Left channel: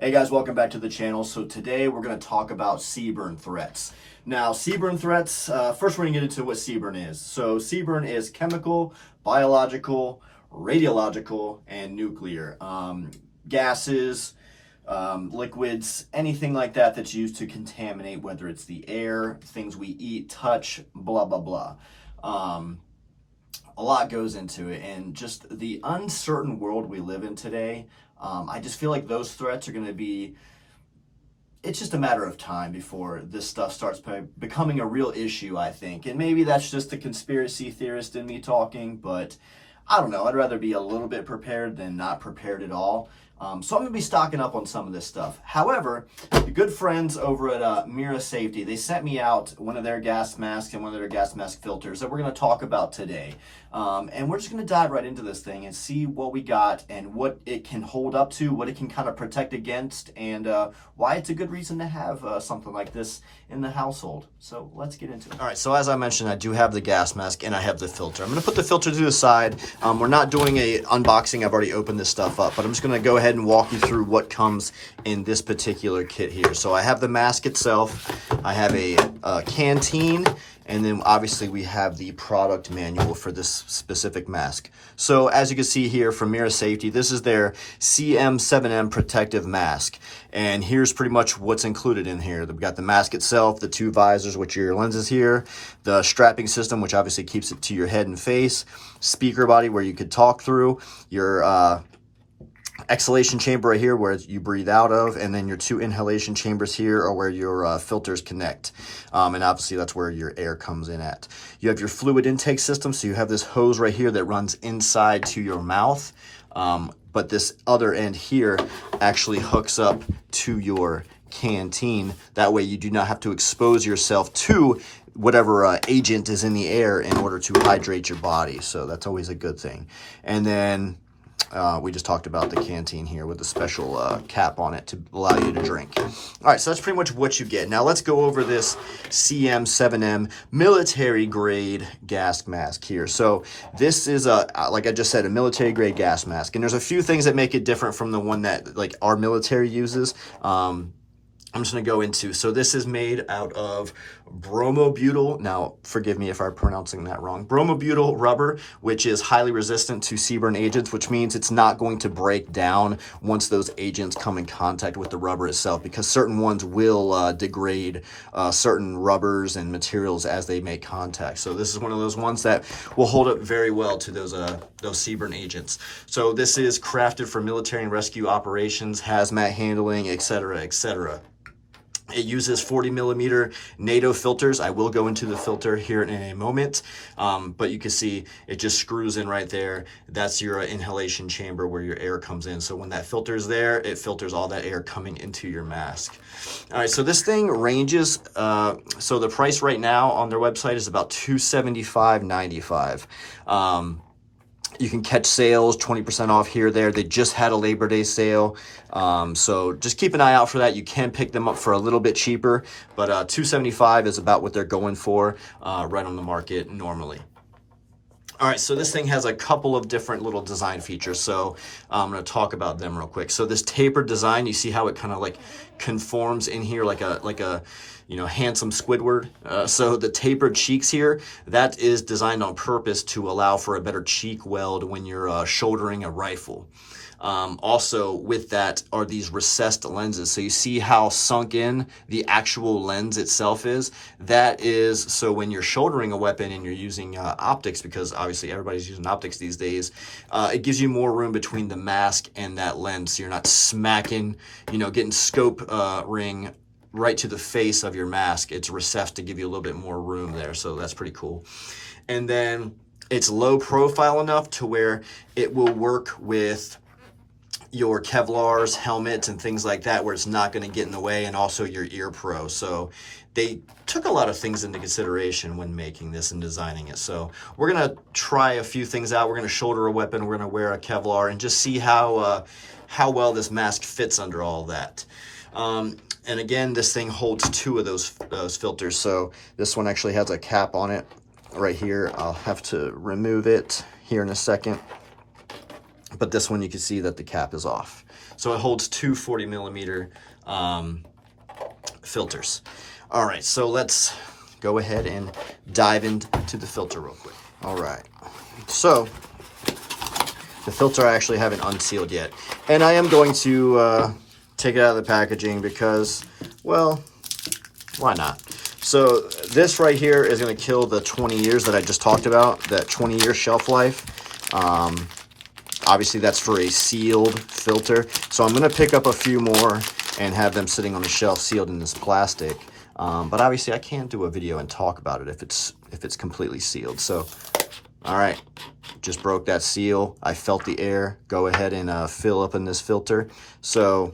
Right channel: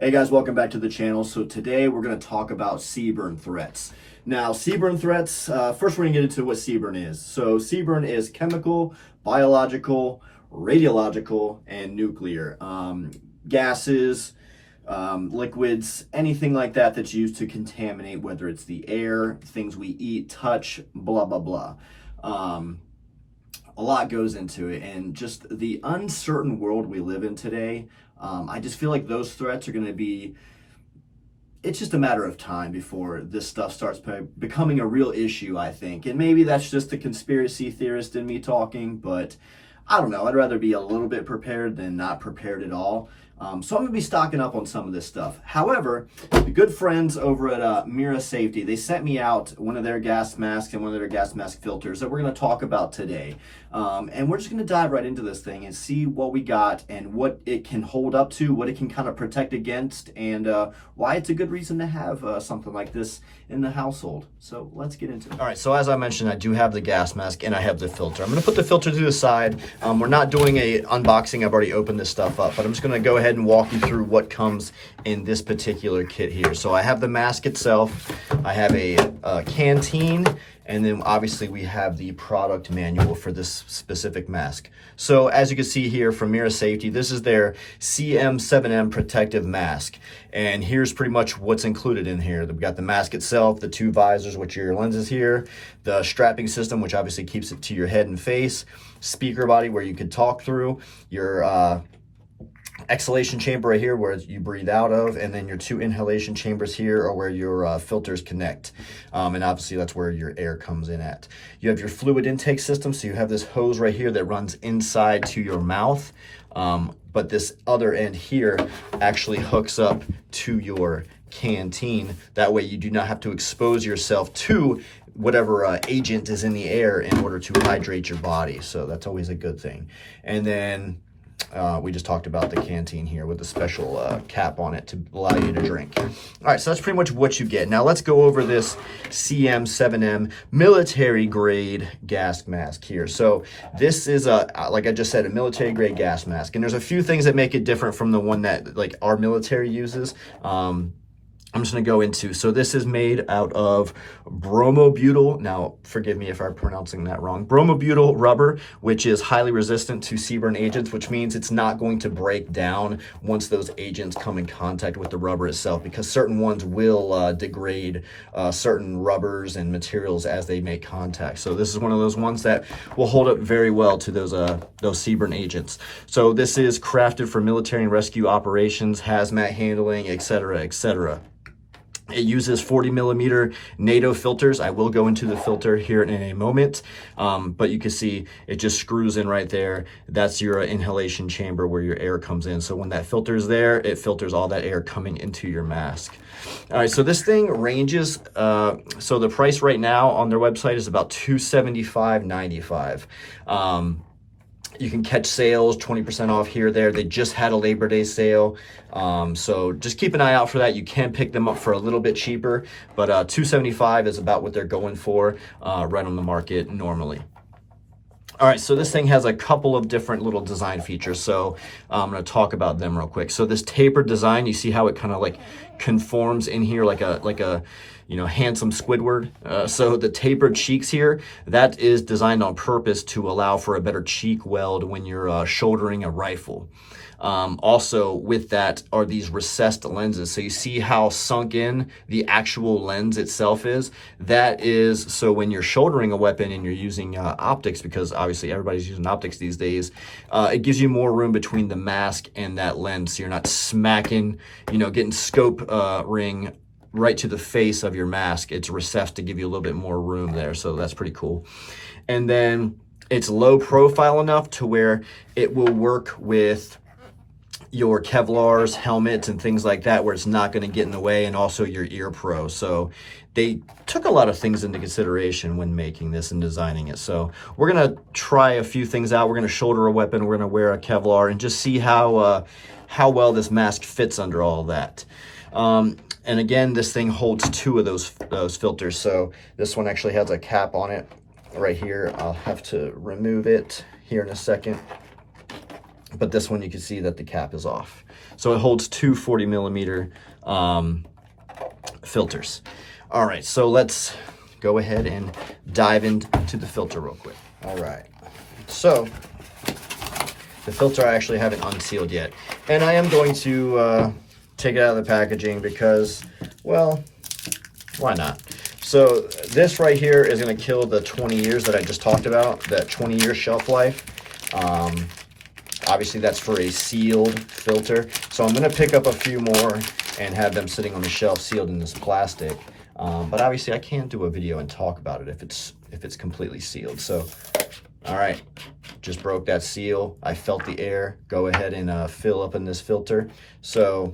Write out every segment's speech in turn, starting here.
Hey guys, welcome back to the channel. So today we're going to talk about CBRN threats. Now, CBRN threats, first we're going to get into what CBRN is. So CBRN is chemical, biological, radiological, and nuclear. Gases, liquids, anything like that that's used to contaminate, whether it's the air, things we eat, touch, blah, blah, blah. A lot goes into it, and just the uncertain world we live in today, I just feel like those threats are going to be, it's just a matter of time before this stuff starts becoming a real issue, I think. And maybe that's just the conspiracy theorist in me talking, but I don't know. I'd rather be a little bit prepared than not prepared at all. So I'm going to be stocking up on some of this stuff. However, the good friends over at Mira Safety, they sent me out one of their gas masks and one of their gas mask filters that we're going to talk about today. And we're just going to dive right into this thing and see what we got and what it can hold up to, what it can kind of protect against, and why it's a good reason to have something like this in the household. So let's get into it. All right, so as I mentioned, I do have the gas mask and I have the filter. I'm going to put the filter to the side. We're not doing a unboxing. I've already opened this stuff up, but I'm just going to go ahead and walk you through what comes in this particular kit here. So I have the mask itself. I have a canteen. And then obviously we have the product manual for this specific mask. So as you can see here from Mira Safety, this is their CM7M protective mask. And here's pretty much what's included in here. We've got the mask itself, the two visors, which are your lenses here, the strapping system, which obviously keeps it to your head and face, speaker body where you could talk through, your exhalation chamber right here where you breathe out of, and then your two inhalation chambers here are where your filters connect. And obviously that's where your air comes in at. You have your fluid intake system, so you have this hose right here that runs inside to your mouth. But this other end here actually hooks up to your canteen. That way you do not have to expose yourself to whatever agent is in the air in order to hydrate your body. So that's always a good thing. And then we just talked about the canteen here with the special cap on it to allow you to drink. All right, so that's pretty much what you get. Now let's go over this CM7M military grade gas mask here. So this is like I just said, a military grade gas mask, and there's a few things that make it different from the one that like our military uses. I'm just going to go into, so this is made out of bromobutyl, now forgive me if I'm pronouncing that wrong, bromobutyl rubber, which is highly resistant to CBRN agents, which means it's not going to break down once those agents come in contact with the rubber itself, because certain ones will degrade certain rubbers and materials as they make contact. So this is one of those ones that will hold up very well to those CBRN agents. So this is crafted for military and rescue operations, hazmat handling, etc., etc. It uses 40 millimeter NATO filters. I will go into the filter here in a moment, but you can see it just screws in right there. That's your inhalation chamber where your air comes in. So when that filter is there, it filters all that air coming into your mask. All right, so this thing ranges, so the price right now on their website is about $275.95. You can catch sales, 20% off here, there. They just had a Labor Day sale. So just keep an eye out for that. You can pick them up for a little bit cheaper, but $275 is about what they're going for right on the market normally. All right, so this thing has a couple of different little design features. So I'm gonna talk about them real quick. So this tapered design, you see how it kind of like conforms in here like a you know, handsome Squidward. So the tapered cheeks here, that is designed on purpose to allow for a better cheek weld when you're shouldering a rifle. Also with that are these recessed lenses. So you see how sunk in the actual lens itself is. That is, so when you're shouldering a weapon and you're using optics, because obviously everybody's using optics these days, it gives you more room between the mask and that lens. So you're not smacking, you know, getting scope ring right to the face of your mask. It's recessed to give you a little bit more room there. So that's pretty cool. And then it's low profile enough to where it will work with your Kevlars, helmets, and things like that, where it's not going to get in the way, and also your ear pro. So they took a lot of things into consideration when making this and designing it. So we're going to try a few things out. We're going to shoulder a weapon, we're going to wear a Kevlar, and just see how well this mask fits under all that. And again, this thing holds two of those filters. So this one actually has a cap on it right here. I'll have to remove it here in a second. But this one, you can see that the cap is off. So it holds two 40 millimeter filters. All right, so let's go ahead and dive into the filter real quick. All right, so the filter I actually haven't unsealed yet. And I am going to take it out of the packaging because, well, why not? So this right here is going to kill the 20 years that I just talked about, that 20-year shelf life. Obviously, that's for a sealed filter. So I'm going to pick up a few more and have them sitting on the shelf sealed in this plastic. But obviously, I can't do a video and talk about it if it's completely sealed. So, all right, just broke that seal. I felt the air. Go ahead and fill up in this filter. So,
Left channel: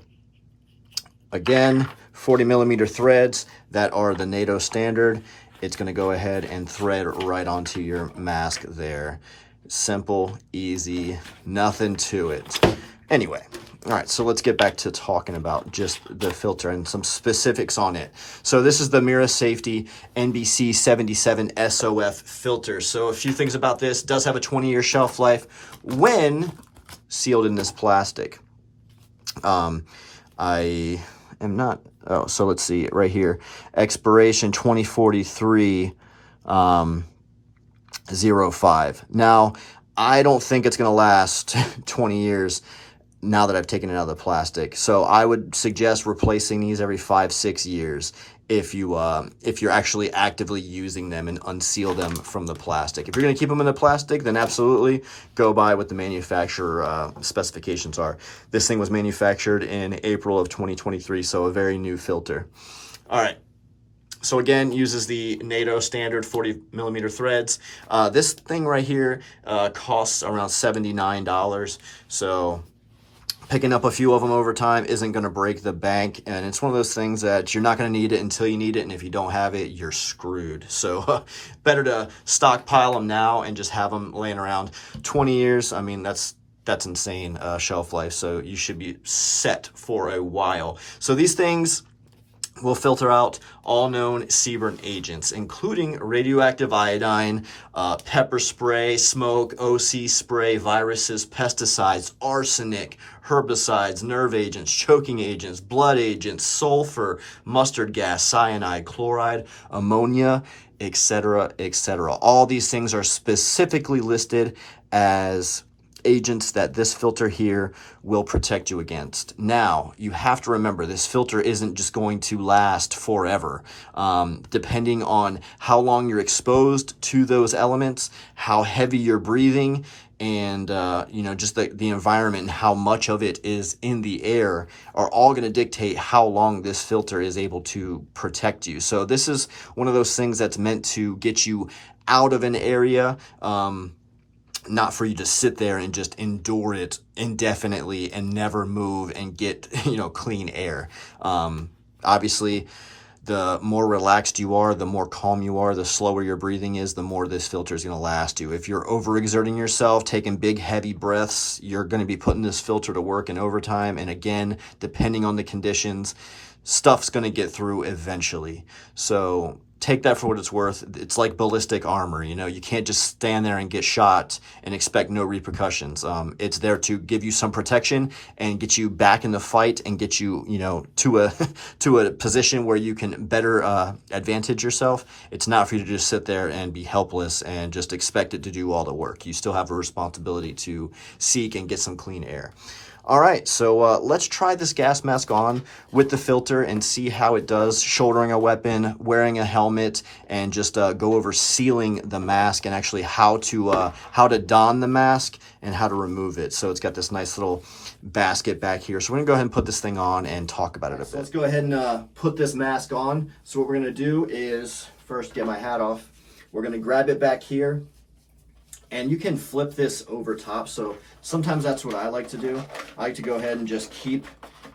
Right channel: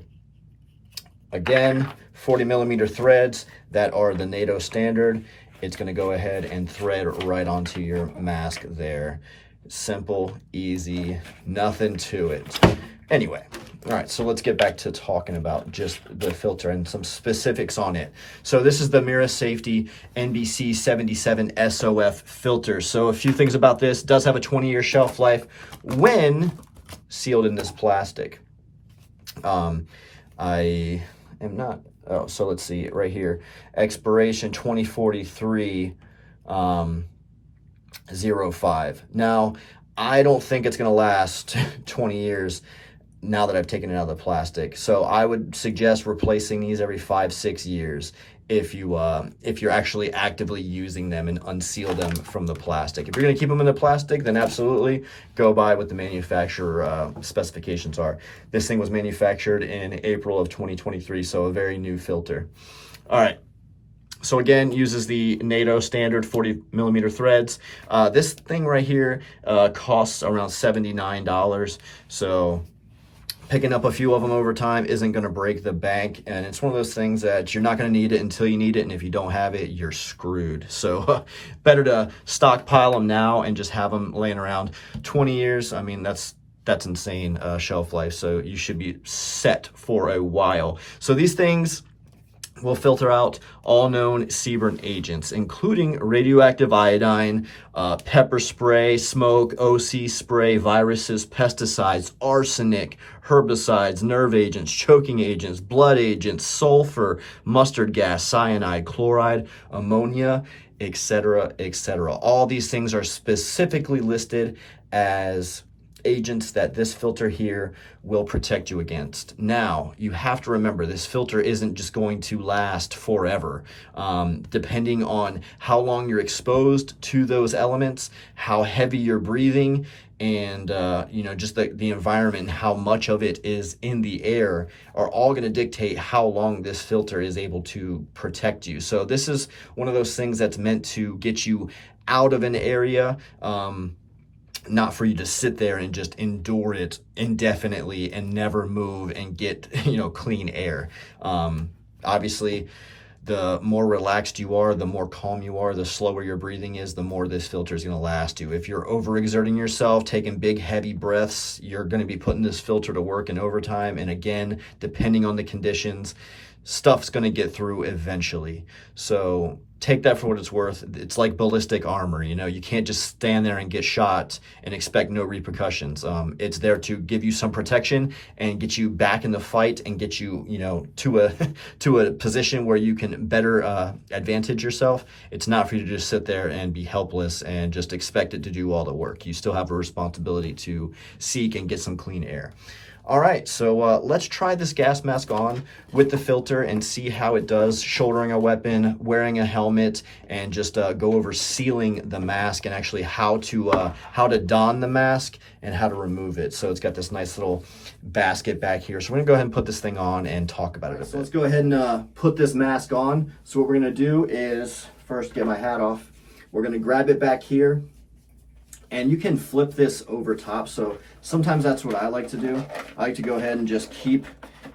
again, 40 millimeter threads that are the NATO standard. It's going to go ahead and thread right onto your mask there. Simple, easy, nothing to it. Anyway, all right, so let's get back to talking about just the filter and some specifics on it. So this is the Mira Safety NBC 77 SOF filter. So a few things about this. It does have a 20-year shelf life when sealed in this plastic. I am not, oh, so let's see right here. Expiration 2043, 05. Now, I don't think it's going to last 20 years now that I've taken it out of the plastic. So I would suggest replacing these every 5-6 years if you're actually actively using them and unseal them from the plastic. If you're going to keep them in the plastic, then absolutely go by what the manufacturer specifications are. This thing was manufactured in April of 2023, so a very new filter. All right. So again, uses the NATO standard 40 millimeter threads. This thing right here costs around $79. So picking up a few of them over time isn't going to break the bank. And it's one of those things that you're not going to need it until you need it. And if you don't have it, you're screwed. So better to stockpile them now and just have them laying around 20 years. I mean, that's insane shelf life. So you should be set for a while. So these things will filter out all known CBRN agents, including radioactive iodine, pepper spray, smoke, OC spray, viruses, pesticides, arsenic, herbicides, nerve agents, choking agents, blood agents, sulfur, mustard gas, cyanide, chloride, ammonia, etc., etc. All these things are specifically listed as agents that this filter here will protect you against. Now, you have to remember this filter isn't just going to last forever. Depending on how long you're exposed to those elements, how heavy you're breathing, and just the environment and how much of it is in the air are all going to dictate how long this filter is able to protect you. So this is one of those things that's meant to get you out of an area, not for you to sit there and just endure it indefinitely and never move and get, clean air. Obviously, the more relaxed you are, the more calm you are, the slower your breathing is, the more this filter is going to last you. If you're overexerting yourself, taking big, heavy breaths, you're going to be putting this filter to work in overtime. And again, depending on the conditions, stuff's going to get through eventually. So take that for what it's worth. It's like ballistic armor. You can't just stand there and get shot and expect no repercussions. It's there to give you some protection and get you back in the fight and get you, to a position where you can better advantage yourself. It's not for you to just sit there and be helpless and just expect it to do all the work. You still have a responsibility to seek and get some clean air. All right, so let's try this gas mask on with the filter and see how it does shouldering a weapon, wearing a helmet, and just go over sealing the mask and actually how to don the mask and how to remove it. So it's got this nice little basket back here. So we're gonna go ahead and put this thing on and talk about it a bit. So let's go ahead and put this mask on. So what we're gonna do is first get my hat off. We're gonna grab it back here. And you can flip this over top. So sometimes that's what I like to do. I like to go ahead and just keep,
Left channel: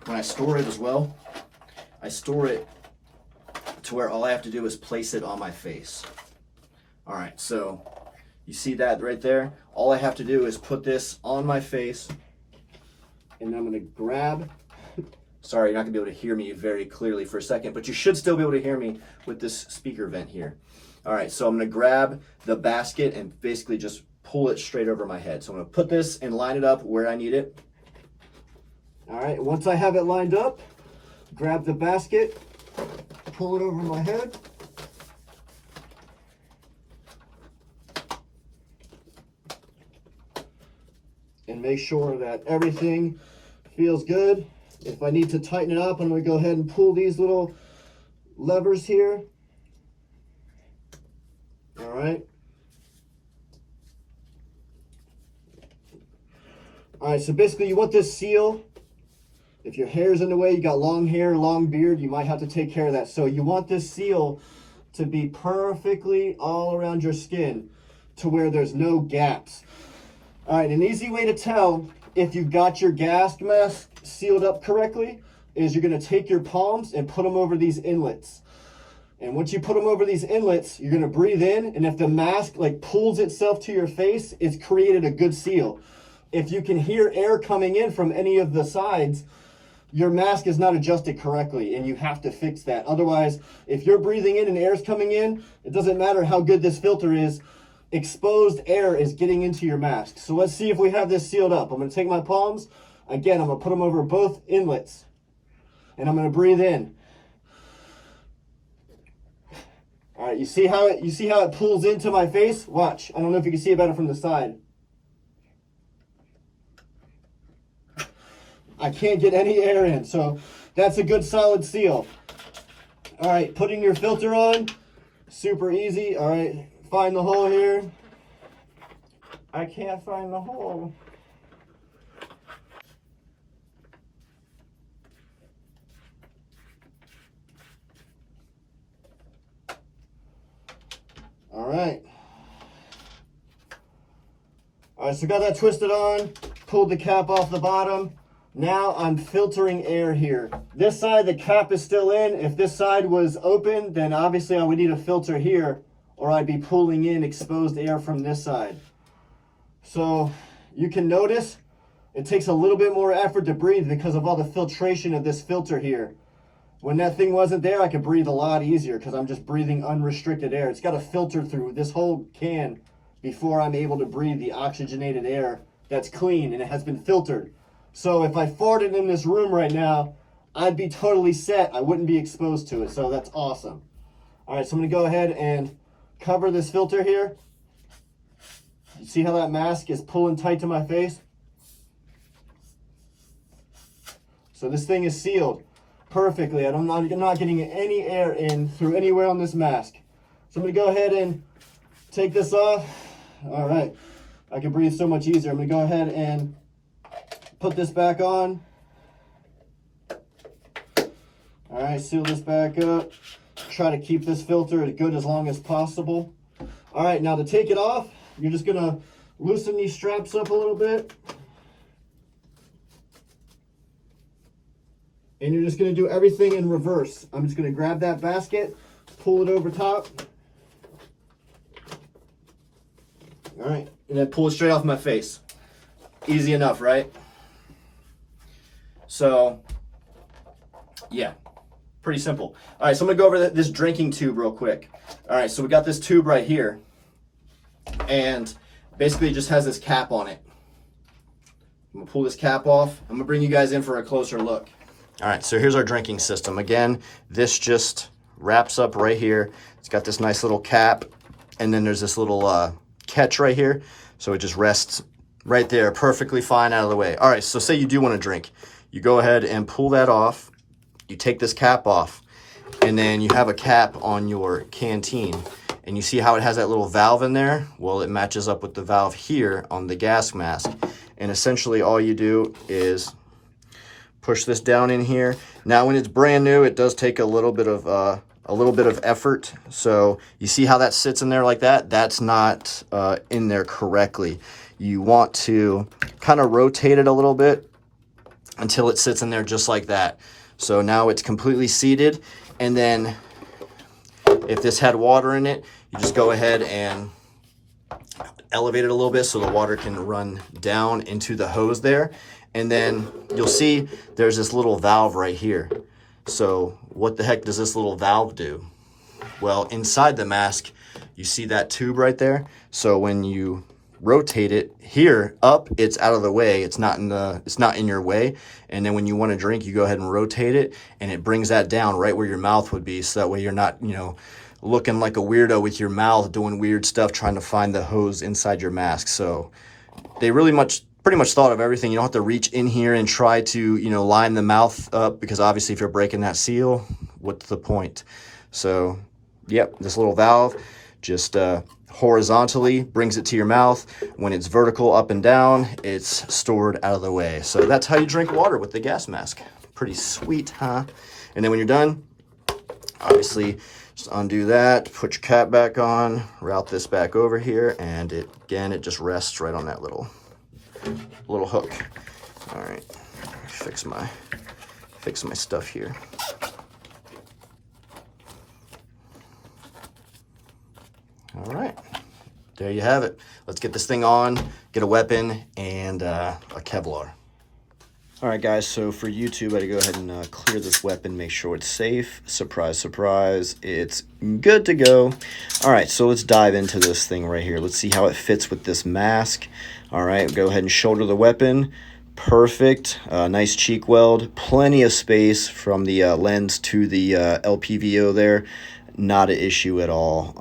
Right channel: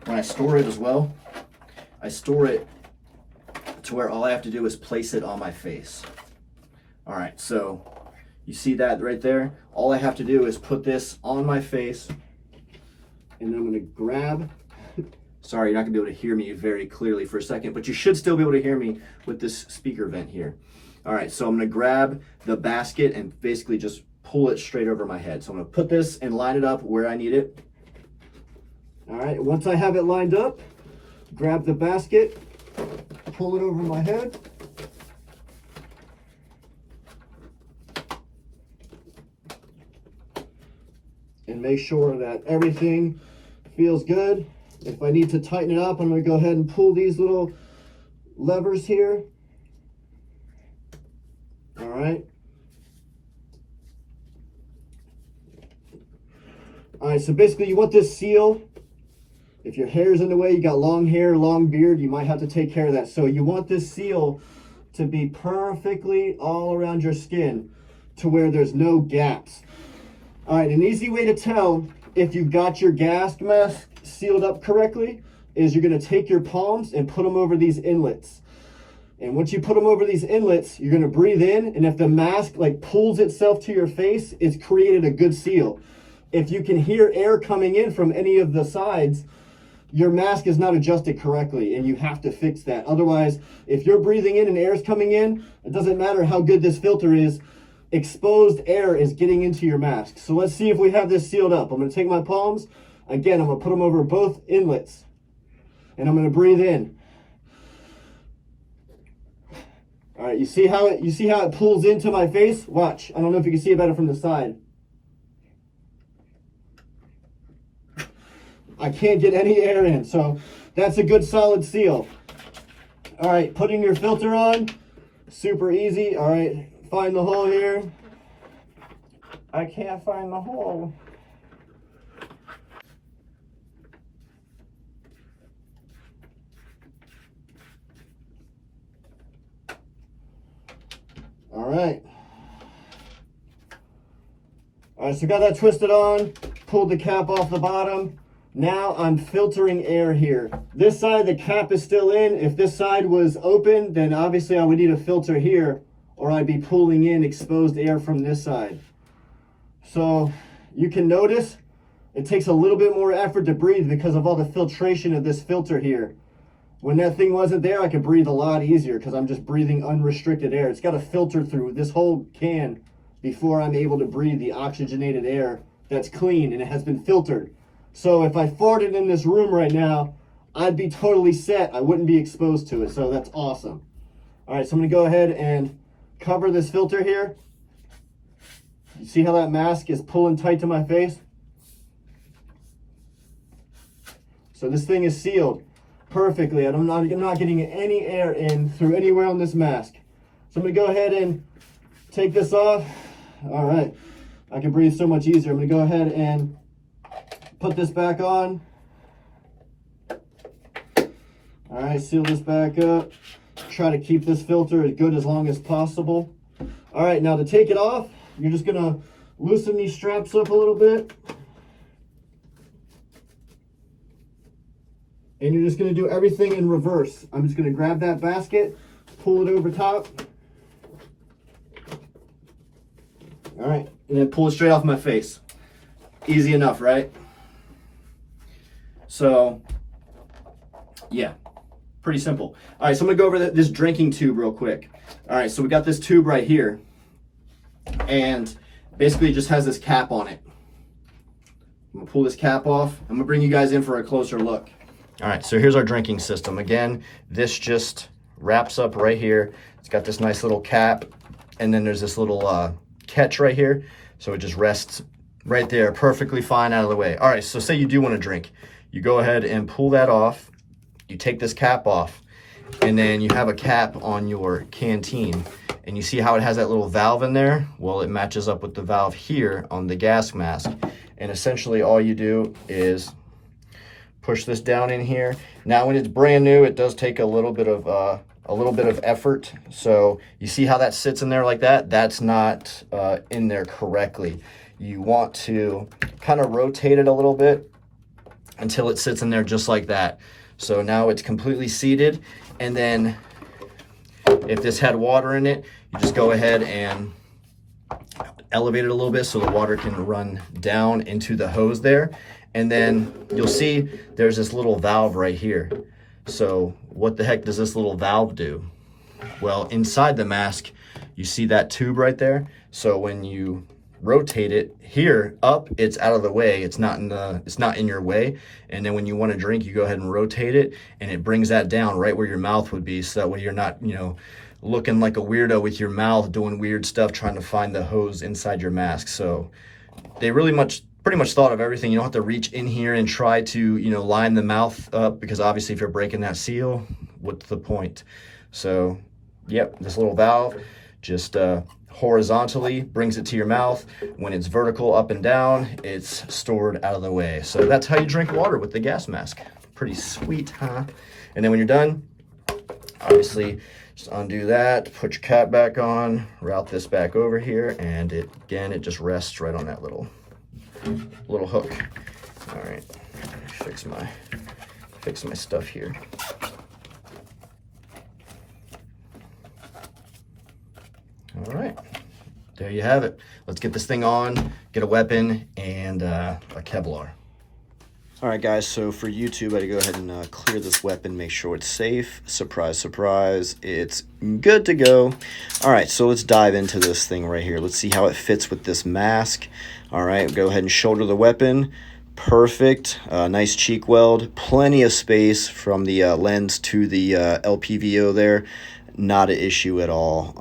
when I store it as well, I store it to where all I have to do is place it on my face. All right, so you see that right there? All I have to do is put this on my face, and I'm gonna grab, sorry, you're not gonna be able to hear me very clearly for a second, but you should still be able to hear me with this speaker vent here. All right, so I'm gonna grab the basket and basically just pull it straight over my head. So I'm gonna put this and line it up where I need it. All right, once I have it lined up, grab the basket, pull it over my head. And make sure that everything feels good. If I need to tighten it up, I'm going to go ahead and pull these little levers here. All right. All right, so basically you want this seal. If your hair's in the way, you got long hair, long beard, you might have to take care of that. So you want this seal to be perfectly all around your skin to where there's no gaps. All right, an easy way to tell if you've got your gas mask sealed up correctly is you're gonna take your palms and put them over these inlets. And once you put them over these inlets, you're gonna breathe in, and if the mask like pulls itself to your face, it's created a good seal. If you can hear air coming in from any of the sides, your mask is not adjusted correctly, and you have to fix that. Otherwise, if you're breathing in and air's coming in, it doesn't matter how good this filter is, exposed air is getting into your mask. So let's see if we have this sealed up. I'm gonna take my palms. Again, I'm gonna put them over both inlets, and I'm gonna breathe in. All right, you see how it pulls into my face? Watch. I don't know if you can see it better from the side. I can't get any air in, so that's a good solid seal. All right, putting your filter on, super easy. All right, find the hole here. I can't find the hole. All right. All right, so got that twisted on, pulled the cap off the bottom. Now I'm filtering air here. This side, the cap is still in. If this side was open, then obviously I would need a filter here, or I'd be pulling in exposed air from this side. So you can notice it takes a little bit more effort to breathe because of all the filtration of this filter here. When that thing wasn't there, I could breathe a lot easier because I'm just breathing unrestricted air. It's got to filter through this whole can before I'm able to breathe the oxygenated air that's clean and it has been filtered. So if I farted in this room right now, I'd be totally set. I wouldn't be exposed to it. So that's awesome. All right, so I'm gonna go ahead and cover this filter here. You see how that mask is pulling tight to my face? So this thing is sealed perfectly. I'm not getting any air in through anywhere on this mask. So I'm gonna go ahead and take this off. All right, I can breathe so much easier. I'm gonna go ahead and put this back on. All right, seal this back up. Try to keep this filter as good as long as possible. All right, now to take it off, you're just gonna loosen these straps up a little bit. And you're just gonna do everything in reverse. I'm just gonna grab that basket, pull it over top. All right, and then pull it straight off my face. Easy enough, right? So, yeah, pretty simple. All right, so I'm gonna go over this drinking tube real quick. All right, so we got this tube right here, and basically it just has this cap on it. I'm gonna pull this cap off. I'm gonna bring you guys in for a closer look. All right, so here's our drinking system. Again, this just wraps up right here. It's got this nice little cap, and then there's this little catch right here. So it just rests right there, perfectly fine out of the way. All right, so say you do want to drink. You go ahead and pull that off. You take this cap off, and then you have a cap on your canteen. And you see how it has that little valve in there? Well, it matches up with the valve here on the gas mask. And essentially all you do is push this down in here. Now, when it's brand new, it does take a little bit of effort. So you see how that sits in there like that? That's not in there correctly. You want to kind of rotate it a little bit until it sits in there just like that. So now it's completely seated. And then if this had water in it, you just go ahead and elevate it a little bit so the water can run down into the hose there. And then you'll see there's this little valve right here. So what the heck does this little valve do? Well, inside the mask, you see that tube right there. So when you rotate it here up, it's out of the way. It's not in your way. And then when you want to drink, you go ahead and rotate it, and it brings that down right where your mouth would be. So that way you're not, you know, looking like a weirdo with your mouth doing weird stuff trying to find the hose inside your mask. So they pretty much thought of everything. You don't have to reach in here and try to, you know, line the mouth up, because obviously if you're breaking that seal, what's the point? So yep, this little valve just horizontally brings it to your mouth. When it's vertical up and down, it's stored out of the way. So that's how you drink water with the gas mask. Pretty sweet, huh? And then when you're done, obviously just undo that, put your cap back on, route this back over here, and it just rests right on that little hook. All right, fix my stuff here. All right, there you have it. Let's get this thing on, get a weapon, and a Kevlar. All right, guys, so for YouTube, I had to go ahead and clear this weapon, make sure it's safe. Surprise, surprise, it's good to go. All right, so let's dive into this thing right here. Let's see how it fits with this mask. All right, go ahead and shoulder the weapon. Perfect, nice cheek weld, plenty of space from the lens to the LPVO there. Not an issue at all.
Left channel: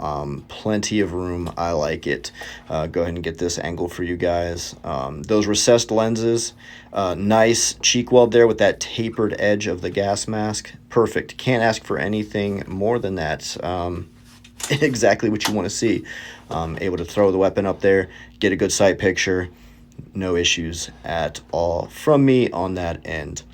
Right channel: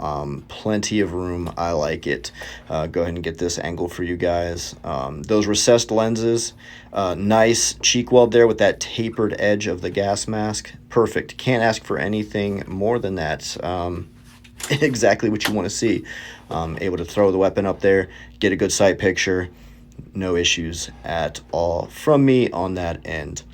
Plenty of room. I like it. Go ahead and get this angle for you guys. Those recessed lenses, nice cheek weld there with that tapered edge of the gas mask. Perfect. Can't ask for anything more than that. Exactly what you want to see. Able to throw the weapon up there, get a good sight picture. No issues at all from me on that end.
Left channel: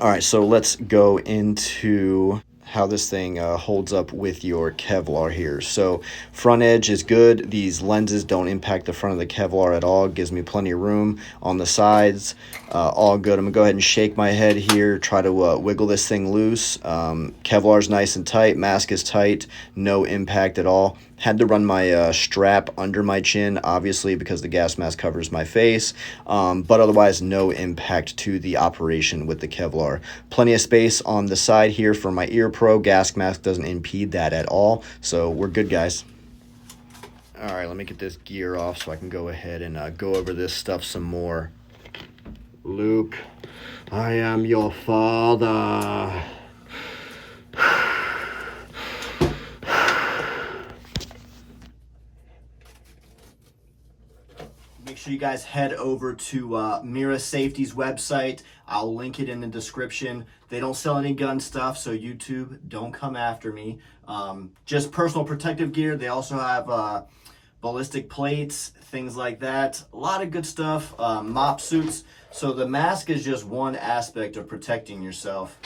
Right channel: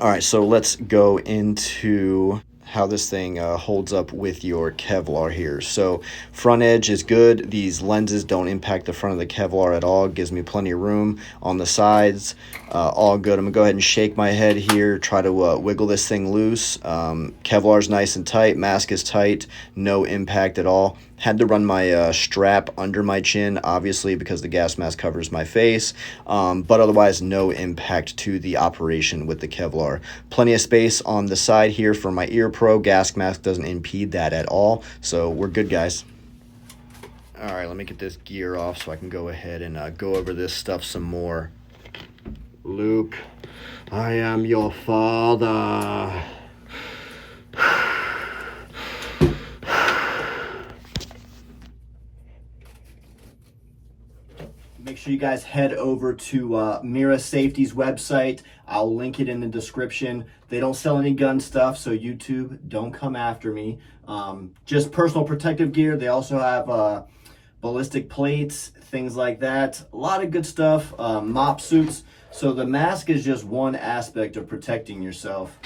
All right, so let's go into how this thing holds up with your Kevlar here. So front edge is good. These lenses don't impact the front of the Kevlar at all. Gives me plenty of room on the sides. All good. I'm gonna go ahead and shake my head here, try to wiggle this thing loose. Kevlar's nice and tight, mask is tight, no impact at all. Had to run my strap under my chin, obviously, because the gas mask covers my face, but otherwise no impact to the operation with the Kevlar. Plenty of space on the side here for my ear pro. Gas mask doesn't impede that at all, so we're good, guys. All right, let me get this gear off so I can go ahead and go over this stuff some more. Luke, I am your father. Make sure you guys head over to Mira Safety's website. I'll link it in the description. They don't sell any gun stuff, so YouTube, don't come after me. Just personal protective gear. They also have ballistic plates, things like that. A lot of good stuff. Mop suits. So the mask is just one aspect of protecting yourself.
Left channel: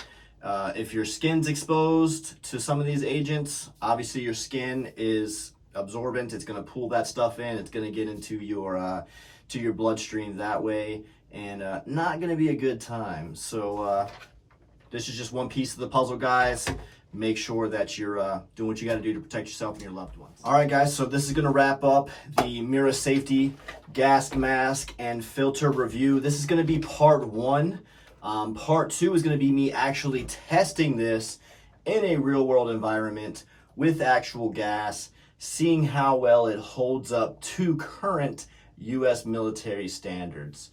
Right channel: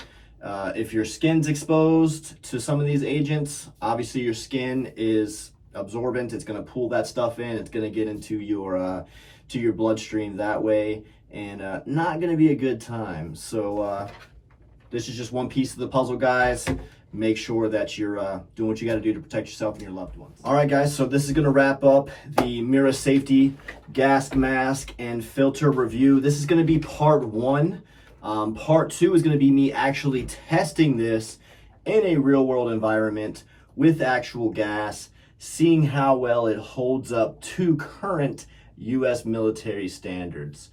If your skin's exposed to some of these agents, obviously your skin is absorbent. It's going to pull that stuff in. It's going to get into your to your bloodstream that way, and not going to be a good time. So this is just one piece of the puzzle, guys. Make sure that you're doing what you got to do to protect yourself and your loved ones. All right, guys, so this is going to wrap up the Mira Safety gas mask and filter review. This is going to be part 1. Part 2 is going to be me actually testing this in a real world environment with actual gas, seeing how well it holds up to current U.S. military standards.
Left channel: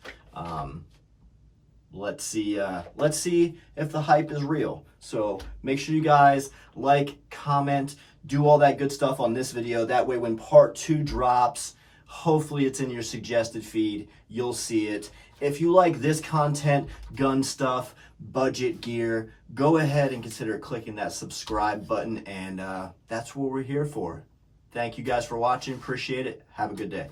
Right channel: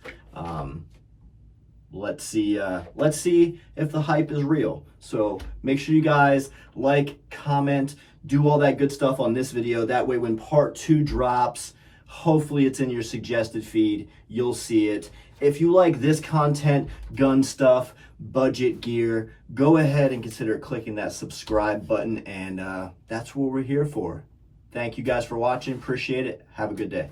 Let's see if the hype is real. So make sure you guys like, comment, do all that good stuff on this video. That way when part 2 drops, hopefully it's in your suggested feed. You'll see it. If you like this content, gun stuff, budget gear, go ahead and consider clicking that subscribe button, and that's what we're here for. Thank you guys for watching. Appreciate it. Have a good day.